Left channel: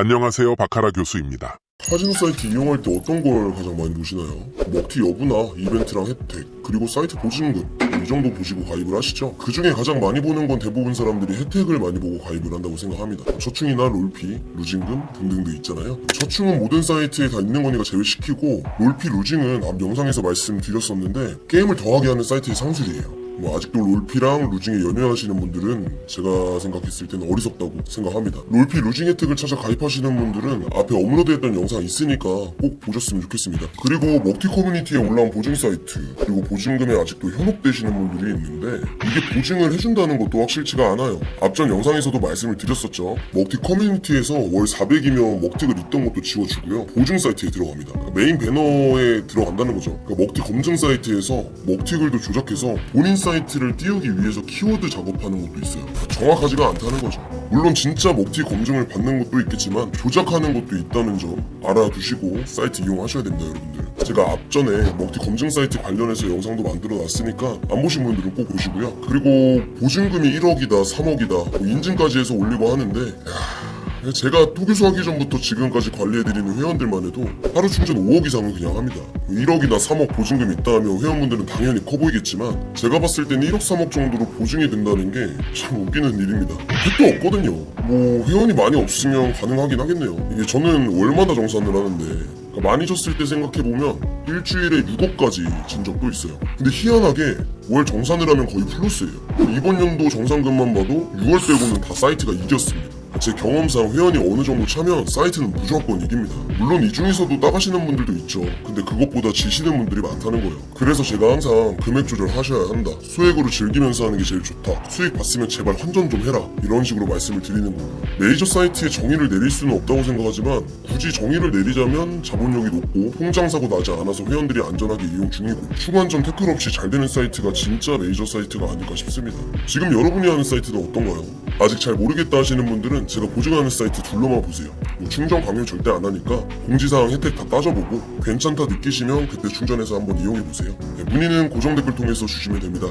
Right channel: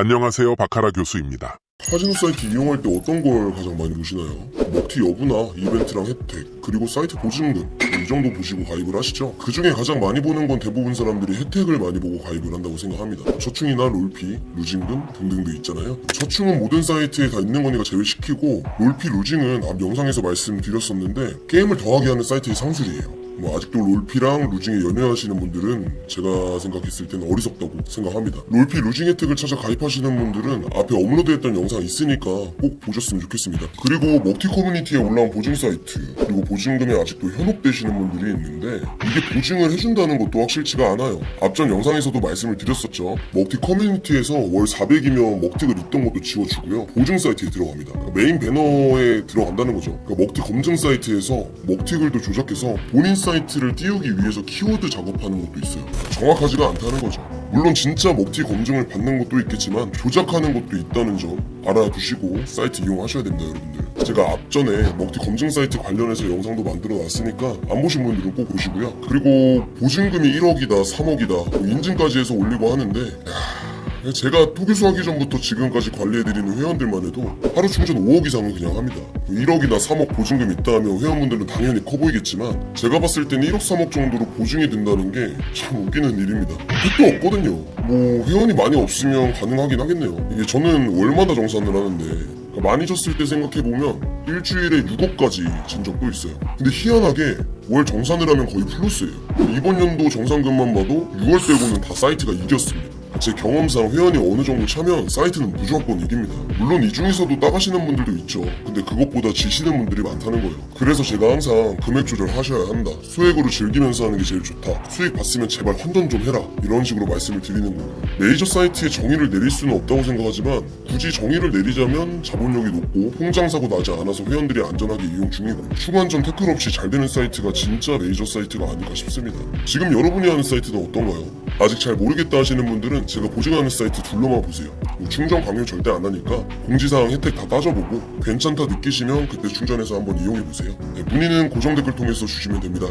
안녕하세요. 바카라 교수입니다. 카지노 사이트 이용할 때 어떤 걸 가장 많이 보시나요? 목티 여부나 이벤트랑 혜택 그리고 사이트 보증금 이 정도 보시고 가입을 하시죠? 그 중에 가장 많이 보는 건 대부분 사람들이 혜택을 많이 보고 가입을 한다고 생각합니다 저축이나 롤피, 루징금 등등도 있잖아요 저축은 모든 사이트에 다 있는 거니까 제외시키고 롤피, 루징은 앞 영상에서 말씀드렸었는데 게임을 더하게 하는 사이트의 상술이에요 뭐 아직도 롤피랑 루징에 연연하시는 분들은 제가 생각했을 때는 어리석다고 생각합니다. 롤피 루징 혜택을 찾아 가입하시는 분들은 앞에 업로드했던 영상 있으니까 꼭 보셨으면 좋겠습니다. 그리고 먹튀 커뮤니티에 올라온 보증 사이트 그리고 보증금에 아직도 현혹되시는 분들이 있는데 이게 보증을 해준다는 것도 확실치가 않아요. 앞전 영상에서도 말씀을 드렸었죠. 먹튀 커뮤니티에서 월 400이면 먹튀를 있던 것도 지워주고요. 보증 사이트에 들어갑니다. 메인 배너에 들어간다는 거죠. 그러니까 먹튀 검증 사이트에서 먹튀글도 조작해서 본인 사이트를 띄우기 위해서 키워드 작업하는 것도 있어요. 정확하지가 않다는 거죠. 물론 진짜 먹튀 검증을 받는 것도 있겠지만 조작하는 것도 있다는 점 알아두시고 사이트 이용하셔야 됩니다, 여러분들. 제가 앞전에 먹튀 검증 사이트 관련해서 영상도 만들어 놨으니까 안 보신 분들은 꼭 보시고요. 그리고 보증금이 1억이다, 3억이다, 인증까지 해서 올리고 하는데 야, 제가 토교수 하기 전부터 지금까지 관리해드리는 회원들만 해도 하루 충전 5억 이상은 그냥 합니다. 1억이나 3억 보증금 있다 하면 회원분들은 당연히 커 보이겠지만 제가 봤을 땐 1억 3억 정도로 보증이 된다는 게 참 웃기는 일입니다. 빚도 없거든요. 뭐 회원이 많이 없으면 가능하긴 하겠네요. 이게 저는 월마다 정산을 하는데 그러니까 많이 졌을 때 생각해보면 일주일에 6억까지 진 적도 있어요. 근데 희한하게 월 정산을 하면 거의 플러스예요. 이번 연도 정산금만 봐도 6월 빼고는 다 사이트가 이겼습니다. 제 경험상 회원이 어느 정도 차면 사이트는 무조건 이깁니다. 물론 이 중에서도 나가시는 분들도 있죠. 근데 그것보다 지시는 분들이 많다는 거예요. 그래서 제가 항상 금액 조절하셔야 한다. 수익으로 즐기면서 하는 게 제일 좋다. 수익 봤으면 제발 환전 좀 해라. 이런 식으로 말씀을 드리는 거예요. 메이저 사이트에 정의를 내릴 수는 없다고 생각하지만 굳이 정의를 내리자면 자본력이 높고 통장 사고 나지 않아서 회원들이 안전하게 이용 중이고 추가한점 태클 없이 잘 되는 사이트가 진짜 메이저 사이트가 아닐까 싶습니다. 지금 여러분이 하는 사이트는 어떤가요? 아직 잘 모르겠다 하시는 분들은 제가 보증하는 사이트 둘러만 보세요. 뭐 충전 강요 절대 안 하니까 공지사항 혜택 다 따져보고 괜찮다 느끼시면 그때 충전해서 한번 이용해보세요. 네, 문의는 고정 댓글 통해서 주시면 됩니다.